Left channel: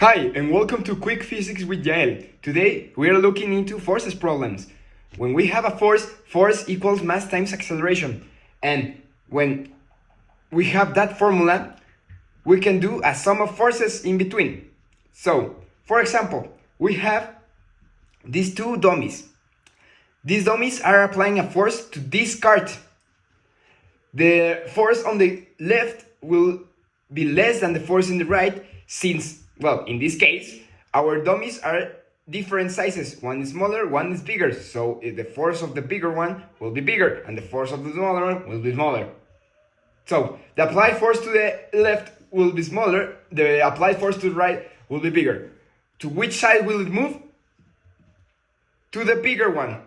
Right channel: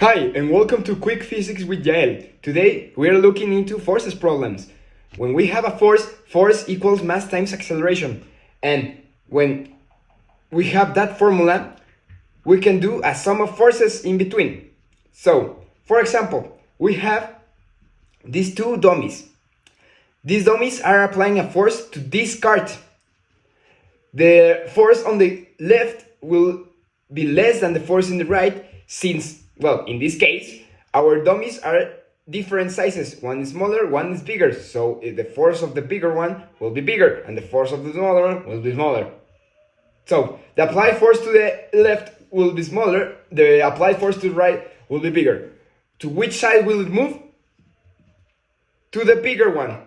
Hi, and welcome to Quick Physics with Yael. Today, we are looking into forces problems. When we have a force equals mass times acceleration. And when we have that formula, we can do a sum of forces in between. So, for example, we have these two dummies. These dummies are applying a force to this cart. The force on the left will be less than the force in the right since, well, in this case, our dummies are different sizes. One is smaller, one is bigger. So the force of the bigger one will be bigger and the force of the smaller one will be smaller. So the applied force to the left will be smaller, the applied force to the right will be bigger. To which side will it move? To the bigger one.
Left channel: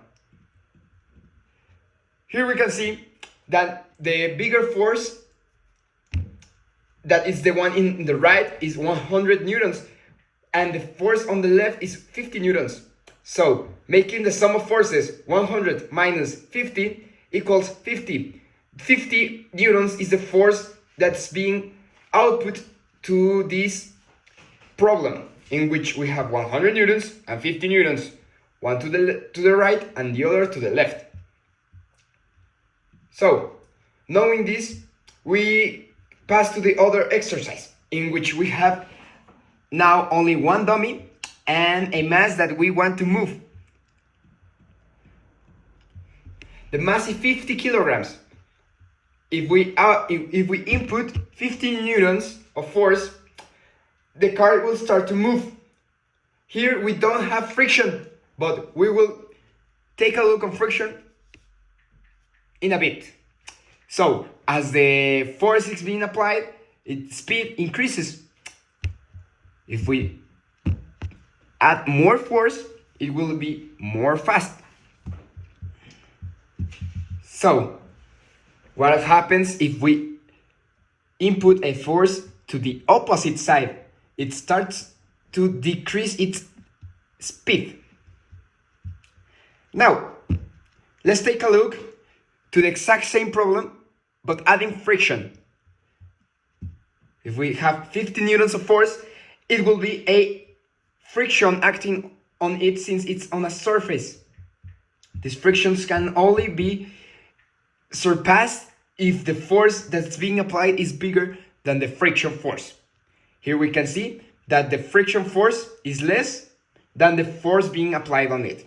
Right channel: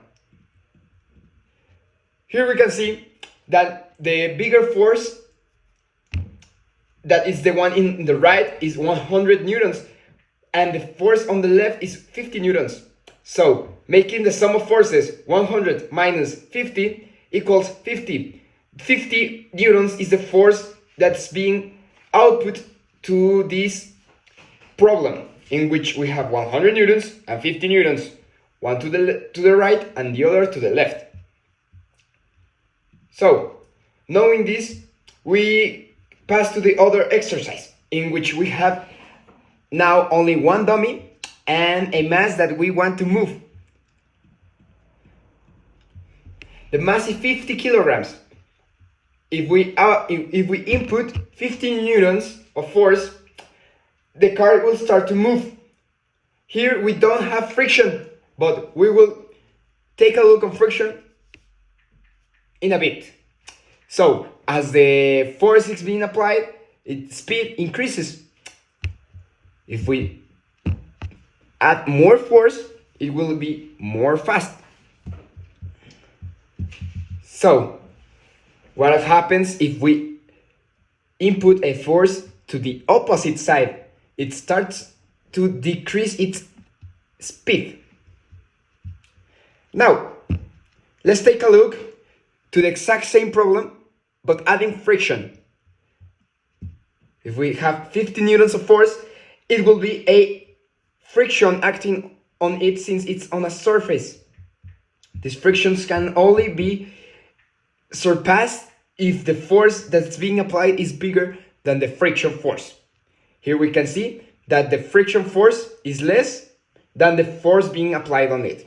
Here we can see that the bigger force, that is the one in the right, is 100 newtons and the force on the left is 50 newtons. So making the sum of forces 100 minus 50 equals 50. 50 newtons is the force that's being output to this problem, in which we have 100 newtons and 50 newtons, one to the right and the other to the left. So, knowing this, we pass to the other exercise, in which we have now only one dummy and a mass that we want to move. The mass is 50 kilograms. If we input 15 newtons of force, the car will start to move. Here we don't have friction, but we will take a look on friction in a bit. So, as the force is being applied, its speed increases. If we add more force, it will be more fast. So, what happens if we input a force to the opposite side? It starts to decrease its speed. Now, let's take a look to the exact same problem, but adding friction. If we have 50 newtons of force, it will be a friction acting on it since it's on a surface. These frictions can only be surpassed if the force that's being applied is bigger than the friction force. Here we can see that the friction force is less than the force being applied on it.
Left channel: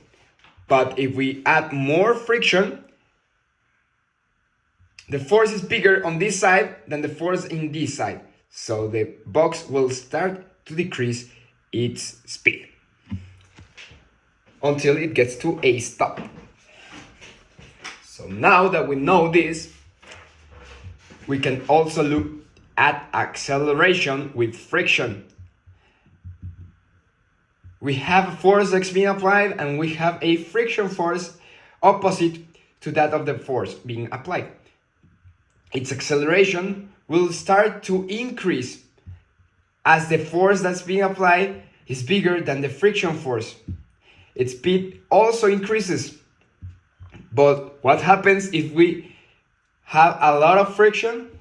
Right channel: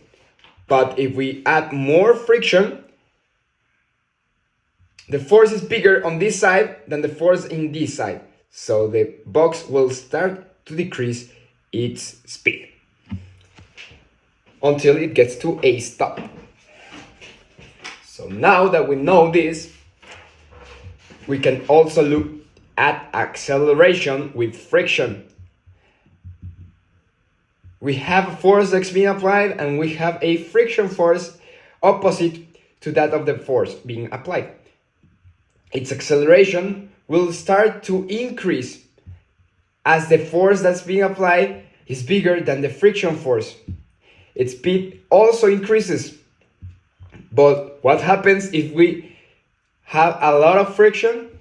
But if we add more friction, the force is bigger on this side than the force in this side. So the box will start to decrease its speed until it gets to a stop. So now that we know this, we can also look at acceleration with friction. We have a force that's being applied and we have a friction force opposite to that of the force being applied. Its acceleration will start to increase as the force that's being applied is bigger than the friction force. Its speed also increases. But what happens if we have a lot of friction?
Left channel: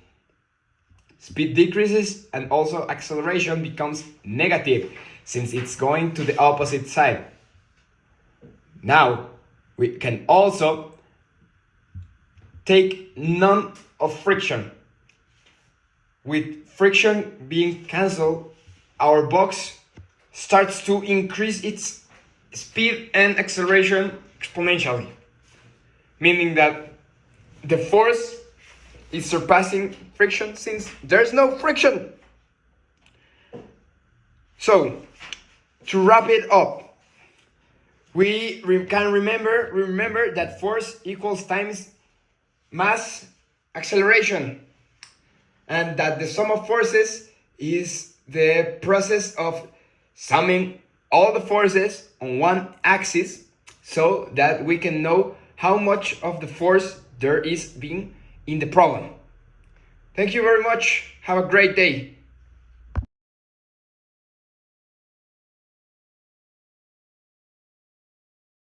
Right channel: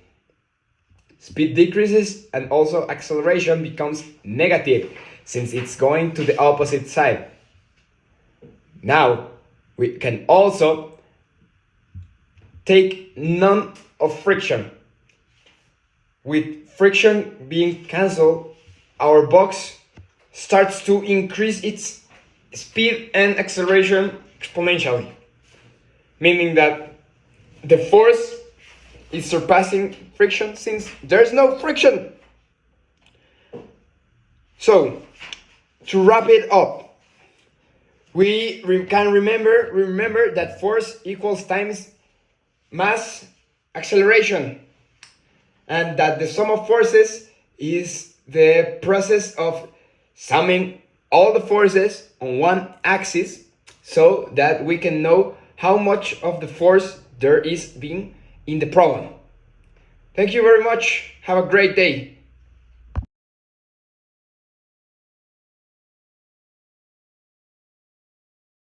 Speed decreases and also acceleration becomes negative since it's going to the opposite side. Now, we can also take none of friction. With friction being cancelled, our box starts to increase its speed and acceleration exponentially, meaning that the force is surpassing friction since there's no friction. So, to wrap it up, we can remember that force equals times mass acceleration, and that the sum of forces is the process of summing all the forces on one axis so that we can know how much of the force there is being in the problem. Thank you very much. Have a great day.